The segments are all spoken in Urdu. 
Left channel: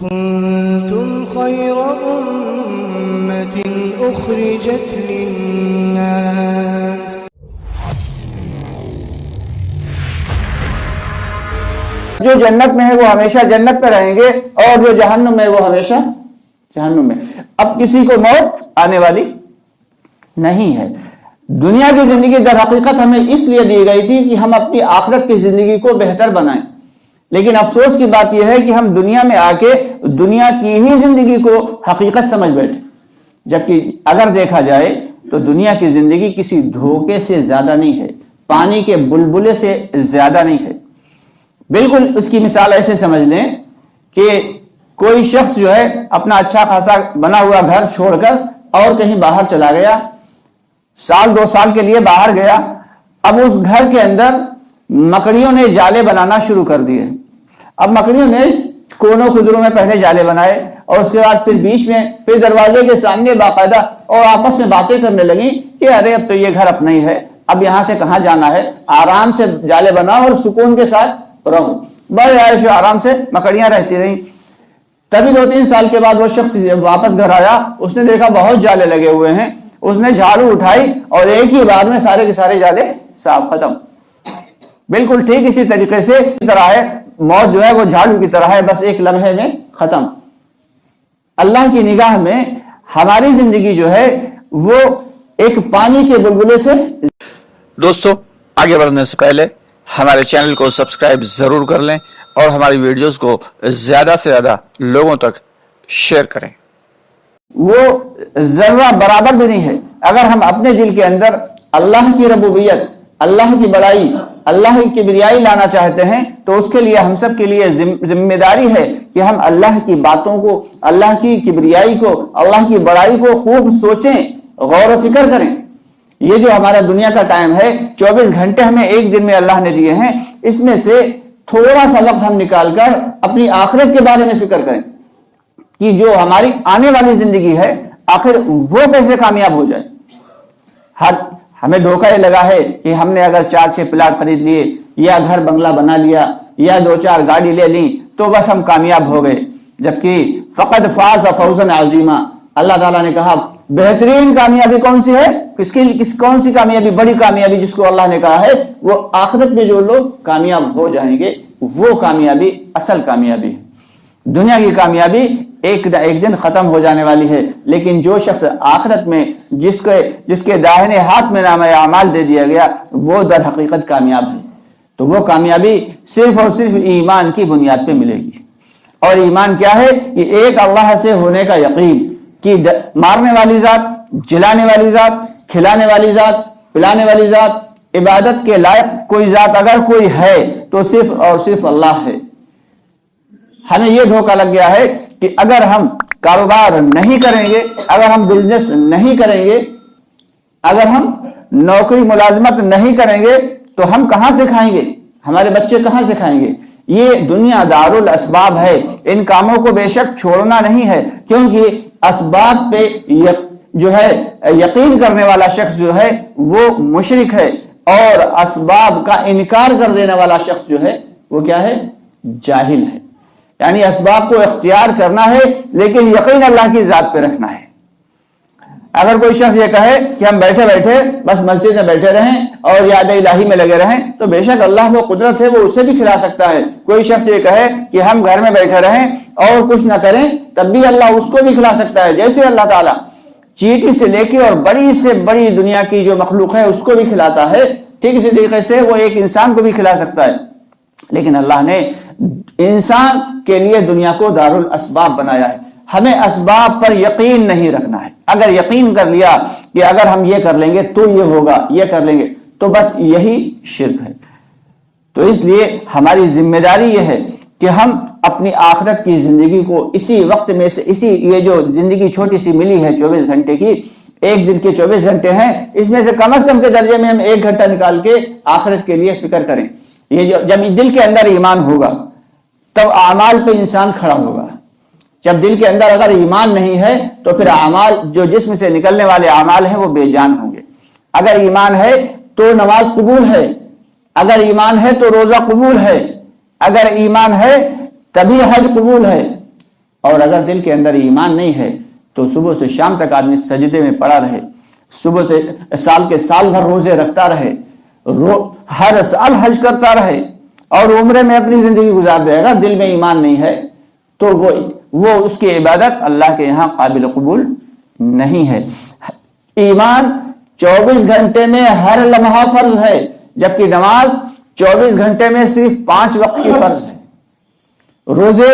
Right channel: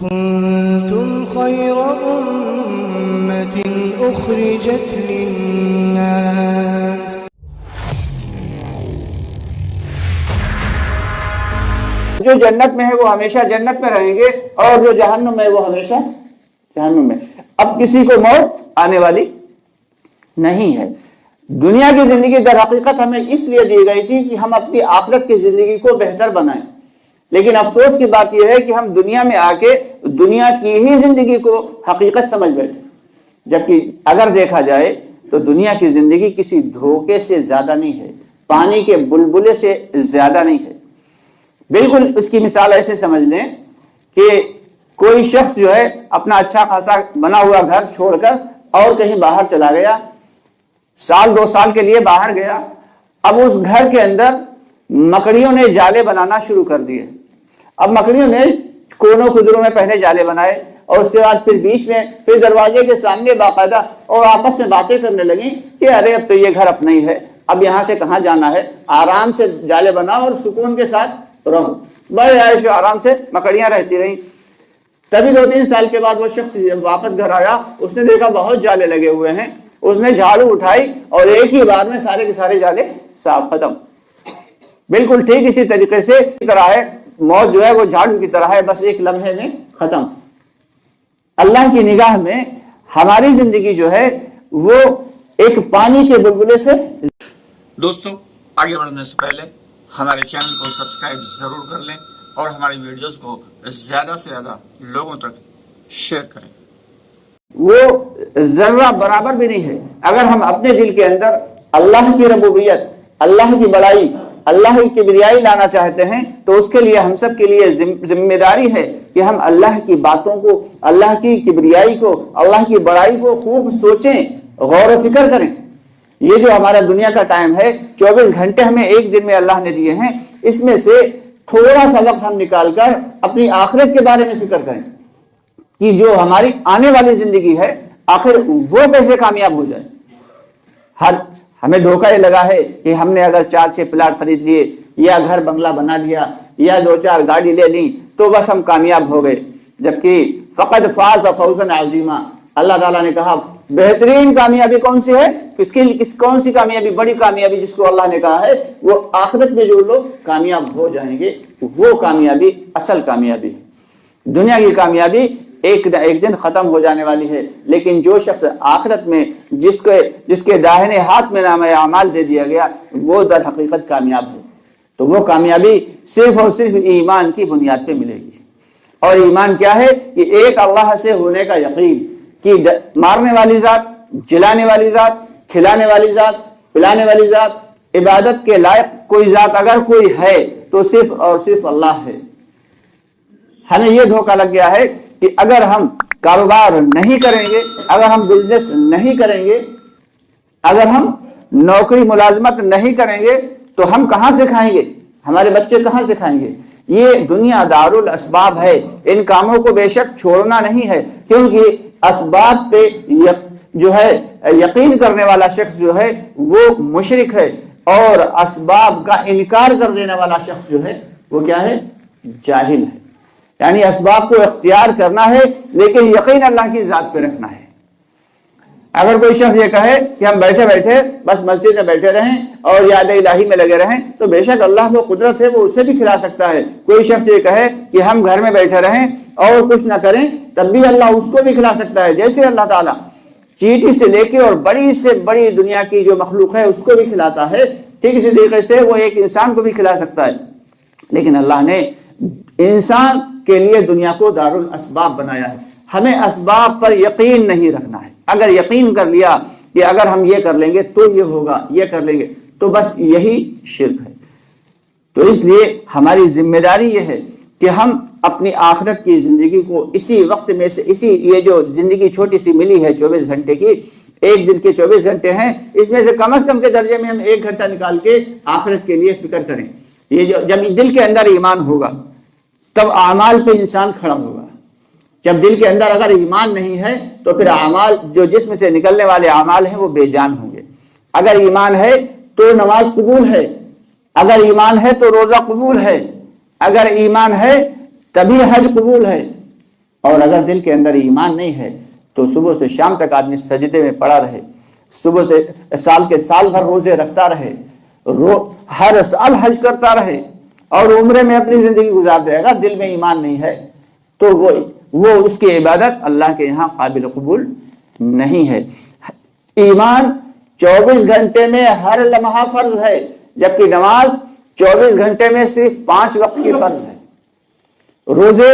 كنتم خير أمة أخرجت للناس جو جنت میں ہے وہ ہمیشہ جنت میں رہیں گے اور جو جہنم میں وہ ہمیشہ جہنم میں. اب کسی کو موت آنے والی نہیں ہے. دنیا کی زندگی در حقیقت ہمیں اس لیے دی گئی تھی کہ ہم اپنی آخرت کی زندگی کو بہتر بنائیں، لیکن افسوس کی بات یہ ہے کہ ہم دنیا میں آ کے دنیا کی ہی زندگی کو حقیقت سمجھ بیٹھے، جبکہ اگر دیکھا جائے تو دنیا کی زندگی کسی دھوکے سے زیادہ نہیں ہے، پانی کے بلبلے سے زیادہ نہیں ہے. بالکل اس کی مثال ایسے سمجھ لیں کہ کوئی شخص جو ہے اپنا اچھا خاصا بنا ہوا گھر چھوڑ کر اور کہیں باہر چلا گیا، سال 2 سال کے لیے باہر گیا. اب اس گھر کے اندر مکڑیوں نے جالے بنانا شروع کر دیے. اب مکڑیوں نے کونوں کھدروں میں پہلے جالے بنائے اور اس کے بعد پھر بیچ میں، پھر دروازے کے سامنے باقاعدہ، اور آپس میں باتیں کرنے لگی کہ ارے اب تو یہ گھر اپنا ہی ہے، اب یہاں سے کہاں جانا ہے، آرام سے جالے بناؤ اور سکون کے ساتھ رہو. بڑے عائش و آرام سے مکڑیاں رہتی رہیں. تبھی 2-3 سال کے بعد وہ شخص واپس گھر آیا، اس نے دیکھا بہت جالے لگے ہوئے ہیں. اس نے جھاڑو اٹھائی اور ایک ہی بار میں سارے کے سارے جالے صاف ختم. بالکل ٹھیک اسی طریقے سے طرح ہے موت جو ہے وہ جھاڑو کی طرح ہے، بس ایک لمحے میں ختم. اللہ کی نگاہ میں ہماری زندگی جو ہے وہ ایک پانی کے بلبلے سے. دوستو آگے بڑھنے سے پہلے ہمارے چینل کو سبسکرائب ضرور کر لیں اور ہماری ویڈیوز کو زیادہ سے زیادہ لوگوں تک شیئر کریں. وہ ذرہ برابر بھی نہیں ہے. اگر ہم اپنے دل کے اندر اللہ کی ربوبیت، اللہ کی بڑائی، اللہ کی کبریائی لانا چاہتے ہیں تو اس کے لیے ہم سب کے لیے ذمہ داری ہے کہ ہم اللہ کی باتوں کو، اللہ کی کبریائی کو، اللہ کی بڑائی کو خوب سوچیں، غور و فکر کریں. یہ جو ہمارا دنیا کا ٹائم ہے، 24 گھنٹے ہمیں ایک دن میں اللہ نے دیے ہیں، اس میں سے تھوڑا سا وقت ہم نکال کر اپنی آخرت کے بارے میں فکر کریں کہ جو ہماری آنے والی زندگی ہے آخر وہ کیسے کامیاب ہو جائے. ہمیں دھوکہ یہ لگا ہے کہ ہم نے اگر 4-6 پلاٹ خرید لیے یا گھر بنگلہ بنا لیا یا 2-4 گاڑی لے لی تو بس ہم کامیاب ہو گئے، جبکہ فقد فاز فوزا عظیما. اللہ تعالیٰ نے کہا بہترین کامیابی کون سی ہے، کون سی کامیابی، بڑی کامیابی جس کو اللہ نے کہا ہے وہ آخرت میں جو لوگ کامیاب ہو جائیں گے وہ کامیابی اصل کامیابی ہے. دنیا کی کامیابی ایک دن ختم ہو جانے والی ہے، لیکن جو شخص آخرت میں جس کے داہنے ہاتھ میں نامہ اعمال دے دیا گیا وہ در حقیقت کامیاب ہے. تو وہ کامیابی صرف اور صرف ایمان کی بنیاد پہ ملے گی. اور ایمان کیا ہے کہ ایک اللہ سے ہونے کا یقین کہ مارنے والی ذات، جلانے والی ذات، کھلانے والی ذات، پلانے والی ذات، عبادت کے لائق کوئی ذات اگر کوئی ہے تو صرف اور صرف اللہ ہے. ہمیں یہ دھوکہ لگ گیا ہے کہ اگر ہم کاروبار نہیں کریں گے، اگر ہم بزنس نہیں کریں گے، اگر ہم نوکری ملازمت نہیں کریں گے تو ہم کہاں سے کھائیں گے، ہمارے بچے کہاں سے کھائیں گے. یہ دنیا دار الاسباب ہے، ان کاموں کو بے شک چھوڑنا نہیں ہے، کیونکہ اسباب پہ جو ہے یقین کرنے والا شخص جو ہے وہ مشرک ہے، اور اسباب کا انکار کر دینے والا شخص جو ہے وہ کیا ہے، جاہل ہے. یعنی اسباب کو اختیار کرنا ہے لیکن یقین اللہ کی ذات پہ رکھنا ہے. اگر کوئی شخص یہ کہے کہ ہم بیٹھے بیٹھے بس مسجد میں بیٹھے رہیں اور یاد الہی میں لگے رہیں تو بے شک اللہ کو قدرت ہے، وہ اسے بھی کھلا سکتا ہے. کوئی شخص یہ کہے کہ ہم گھر میں بیٹھے رہیں اور کچھ نہ کریں تب بھی اللہ اس کو بھی کھلا سکتا ہے. جیسے اللہ تعالیٰ چیٹی سے لے کے اور بڑی سے بڑی دنیا کی جو مخلوق ہے اس کو بھی کھلاتا ہے، ٹھیک اسی طریقے سے وہ ایک انسان کو بھی کھلا سکتا ہے. لیکن اللہ نے انسان کے لیے دنیا کو دار الاسباب بنایا ہے. ہمیں اسباب پر یقین نہیں رکھنا ہے. اگر یقین کر لیا کہ اگر ہم یہ کر لیں گے تو یہ ہوگا، یہ کر لیں گے تو بس یہی شرک ہے. تو اس لیے ہماری ذمہ داری یہ ہے کہ ہم اپنی آخرت کی زندگی کو اسی وقت میں سے، یہ جو زندگی چھوٹی سی ملی ہے 24 گھنٹے کی، ایک دن کے 24 گھنٹے ہیں، اس میں سے کم از کم کے درجے میں ہم 1 گھنٹہ نکال کے آخرت کے لیے فکر کریں. یہ جب دل کے اندر ایمان ہوگا تب اعمال پہ انسان کھڑا ہوگا. جب دل کے اندر اگر ایمان نہیں ہے تو پھر اعمال، جو جسم سے نکلنے والے اعمال ہیں وہ بے جان ہوں گے. اگر ایمان ہے تو نماز قبول ہے، اگر ایمان ہے تو روزہ قبول ہے، اگر ایمان ہے تبھی حج قبول ہے. اور اگر دل کے اندر ایمان نہیں ہے تو صبح سے شام تک آدمی سجدے میں پڑا رہے، صبح سے سال کے سال بھر روزے رکھتا رہے، ہر سال حج کرتا رہے اور عمرے میں اپنی زندگی گزار دے گا، دل میں ایمان نہیں ہے تو وہ اس کی عبادت اللہ کے یہاں قابل قبول نہیں ہے۔ ایمان 24 گھنٹے میں ہر لمحہ فرض ہے، جبکہ نماز 24 گھنٹے میں صرف 5 وقت کی فرض ہے۔ روزے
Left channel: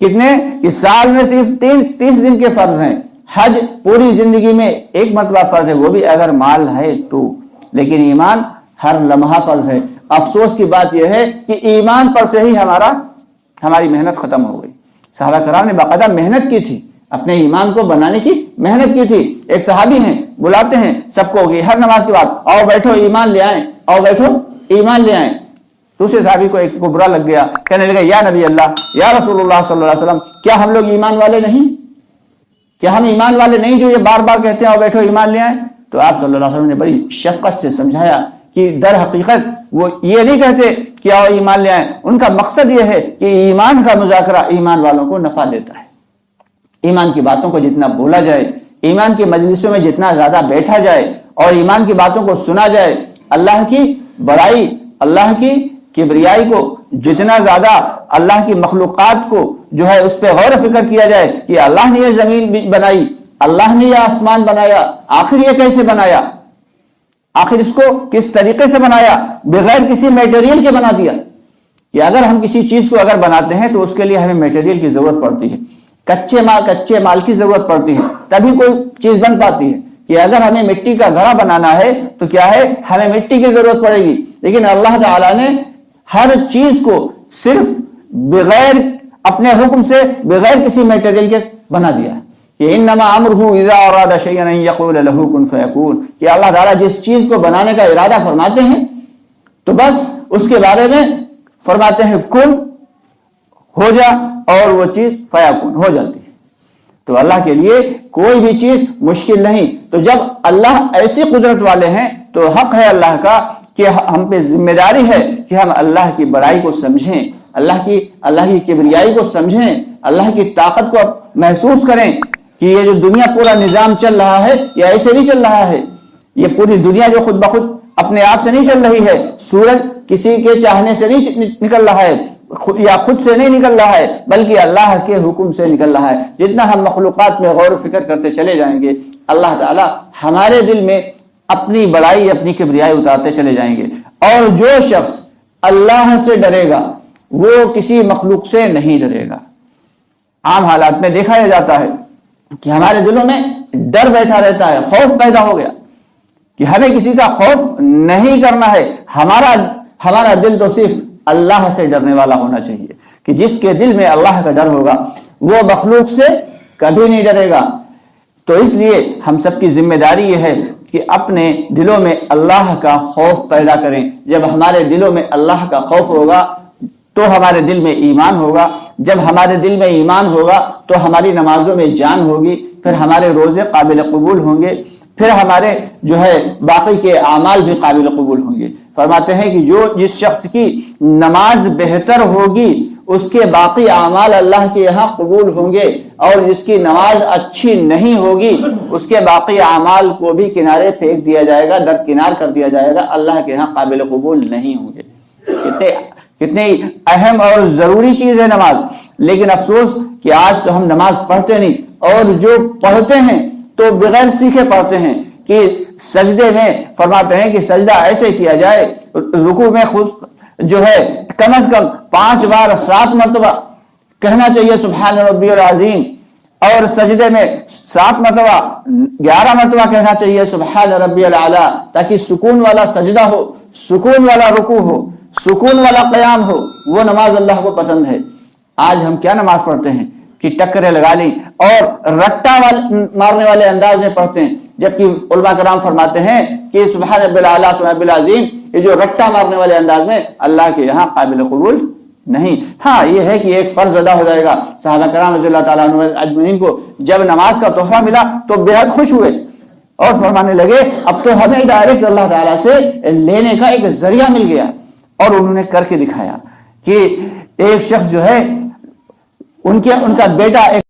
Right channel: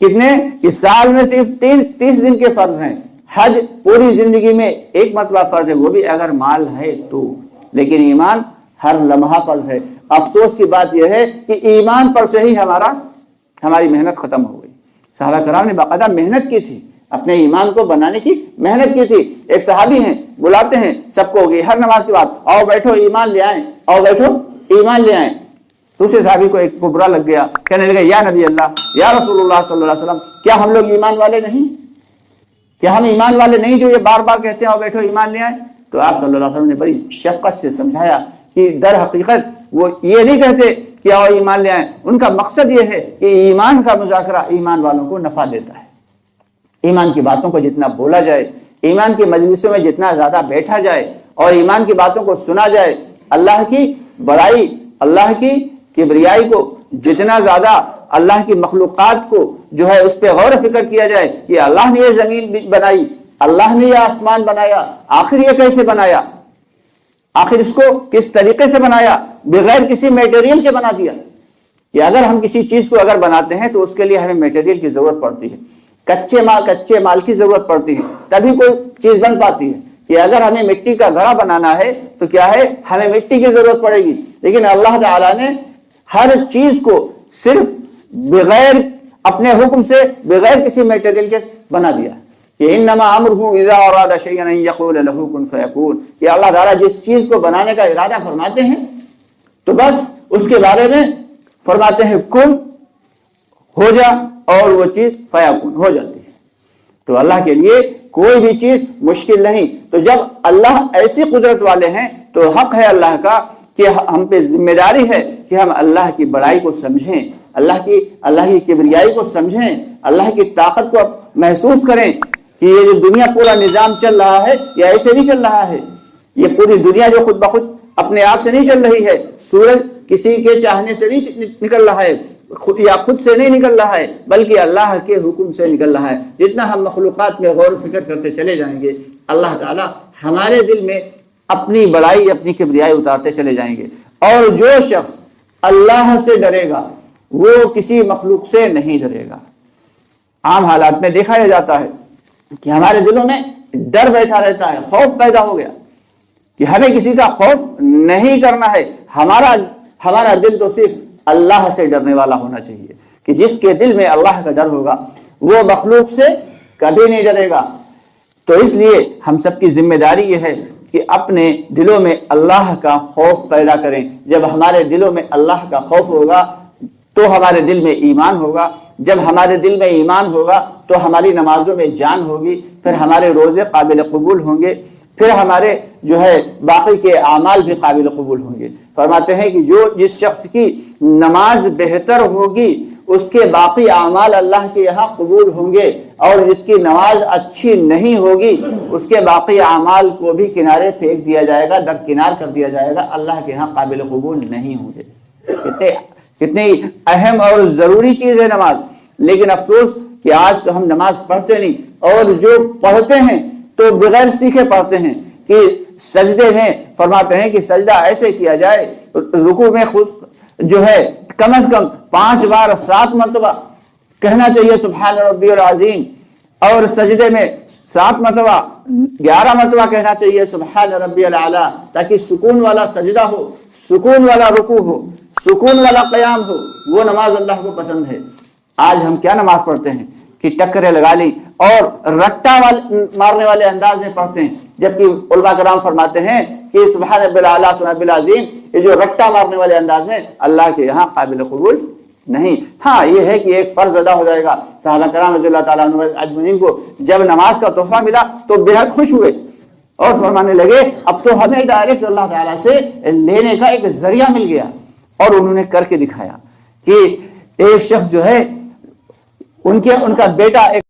کتنے کہ سال میں صرف 30 دن کے فرض ہیں۔ حج پوری زندگی میں ایک مرتبہ فرض ہے، وہ بھی اگر مال ہے تو، لیکن ایمان ہر لمحہ فرض ہے۔ افسوس کی بات یہ ہے کہ ایمان پر سے ہی ہماری محنت ختم ہو گئی۔ صحابہ کرام نے باقاعدہ محنت کی تھی، اپنے ایمان کو بنانے کی محنت کی تھی۔ ایک صحابی ہیں، بلاتے ہیں سب کو کہ ہر نماز کے بعد آؤ بیٹھو ایمان لے آئیں، آؤ بیٹھو ایمان لے آئیں۔ دوسرے صحابی کو ایک کو برا لگ گیا، کہنے لگے یا نبی اللہ، یا رسول اللہ صلی اللہ علیہ وسلم، کیا ہم لوگ ایمان والے نہیں؟ کیا ہم ایمان والے نہیں جو یہ بار بار کہتے ہیں آؤ بیٹھو ایمان لے آئیں؟ تو آپ صلی اللہ علیہ وسلم نے بڑی شفقت سے سمجھایا کہ در حقیقت وہ یہ نہیں کہتے کہ آؤ ایمان لے آئیں، ان کا مقصد یہ ہے کہ ایمان کا مذاکرہ ایمان والوں کو نفع دیتا ہے۔ ایمان کی باتوں کو جتنا بولا جائے، ایمان کی مجلسوں میں جتنا زیادہ بیٹھا جائے اور ایمان کی باتوں کو سنا جائے، اللہ کی بڑائی، اللہ کی کبریائی کو جتنا زیادہ، اللہ کی مخلوقات کو جو ہے اس پہ غور و فکر کیا جائے کہ اللہ نے یہ زمین بنائی، اللہ نے یہ آسمان بنایا، آخر یہ کیسے بنایا، آخر اس کو کس طریقے سے بنایا، بغیر کسی میٹیریل کے بنا دیا۔ کہ اگر ہم کسی چیز کو اگر بناتے ہیں تو اس کے لیے ہمیں میٹیریل کی ضرورت پڑتی ہے، کچے مال کی ضرورت پڑتی ہے، تبھی کوئی چیز بن پاتی ہے۔ کہ اگر ہمیں مٹی کا گھڑا بنانا ہے تو کیا ہے، ہمیں مٹی کی ضرورت پڑے گی، لیکن اللہ تعالیٰ نے ہر چیز کو صرف بغیر اپنے حکم سے، بغیر کسی میٹیریل کے بنا دیا کہ انما امرہ اذا اراد شیئا ان یقول له کن فیکون، کہ اللہ تعالیٰ جس چیز کو بنانے کا ارادہ فرماتے ہیں تو بس اس کے بارے میں فرماتے ہیں کن ہو جا، اور وہ چیز فیکون ہو جاتی ہے۔ تو اللہ کے لیے کوئی بھی چیز مشکل نہیں۔ تو جب اللہ ایسی قدرت والے ہیں تو حق ہے اللہ کا کہ ہم پہ ذمہ داری ہے کہ ہم اللہ کی بڑائی کو سمجھیں، اللہ کی کبریائی کو سمجھیں، اللہ کی طاقت کو محسوس کریں کہ یہ جو دنیا پورا نظام چل رہا ہے یہ ایسے نہیں چل رہا ہے، یہ پوری دنیا جو خود بخود اپنے آپ سے نہیں چل رہی ہے، سورج کسی کے چاہنے سے نہیں نکل رہا ہے یا خود سے نہیں نکل رہا ہے، بلکہ اللہ کے حکم سے نکل رہا ہے۔ جتنا ہم مخلوقات میں غور و فکر کرتے چلے جائیں گے، اللہ تعالیٰ ہمارے دل میں اپنی بڑائی، اپنی کبریائی اتارتے چلے جائیں گے۔ اور جو شخص اللہ سے ڈرے گا وہ کسی مخلوق سے نہیں ڈرے گا۔ عام حالات میں دیکھا یہ جاتا ہے کہ ہمارے دلوں میں ڈر بیٹھا رہتا ہے، خوف پیدا ہو گیا کہ ہمیں کسی کا خوف نہیں کرنا ہے، ہمارا دل تو صرف اللہ سے ڈرنے والا ہونا چاہیے، کہ جس کے دل میں اللہ کا ڈر ہوگا وہ مخلوق سے کبھی نہیں ڈرے گا۔ تو اس لیے ہم سب کی ذمہ داری یہ ہے کہ اپنے دلوں میں اللہ کا خوف پیدا کریں۔ جب ہمارے دلوں میں اللہ کا خوف ہوگا تو ہمارے دل میں ایمان ہوگا، جب ہمارے دل میں ایمان ہوگا تو ہماری نمازوں میں جان ہوگی، پھر ہمارے روزے قابل قبول ہوں گے، پھر ہمارے جو ہے باقی کے اعمال بھی قابل قبول ہوں گے۔ فرماتے ہیں کہ جس شخص کی نماز بہتر ہوگی اس کے باقی اعمال اللہ کے یہاں قبول ہوں گے، اور جس کی نماز اچھی نہیں ہوگی اس کے باقی اعمال کو بھی کنارے پھینک دیا جائے گا، درکنار کر دیا جائے گا، اللہ کے یہاں قابل قبول نہیں ہوں گے۔ کتنی اہم اور ضروری چیز ہے نماز، لیکن افسوس کہ آج تو ہم نماز پڑھتے نہیں، اور جو پڑھتے ہیں تو بغیر سیکھے پڑھتے ہیں۔ کہ سجدے میں فرماتے ہیں کہ سجدہ ایسے کیا جائے، رکوع میں خود جو ہے کم از کم 5 بار 7 مرتبہ کہنا چاہیے سبحان ربی العظیم، اور سجدے میں 7 مرتبہ 11 مرتبہ کہنا چاہیے سبحان ربی العلیٰ، تاکہ سکون والا سجدہ ہو، سکون والا رکوع ہو، سکون والا قیام ہو۔ وہ نماز اللہ کو پسند ہے۔ آج ہم کیا نماز پڑھتے ہیں کہ ٹکرے لگا لی اور رٹا مارنے والے انداز میں پڑھتے ہیں، جبکہ علماء کرام فرماتے ہیں کہ سبحان ربی الاعلیٰ سبحان ربی العظیم یہ جو رٹا مارنے والے انداز میں اللہ کے یہاں قابل قبول نہیں۔ ہاں یہ ہے کہ ایک فرض ادا ہو جائے گا۔ صحابہ کرام رضی اللہ تعالیٰ عنہ اجمعین کو جب نماز کا تحفہ ملا تو بے حد خوش ہوئے اور فرمانے لگے اب تو ہمیں ڈائریکٹ اللہ تعالیٰ سے لینے کا ایک ذریعہ مل گیا۔ اور انہوں نے کر کے دکھایا کہ ایک شخص جو ہے ان کا بیٹا ایک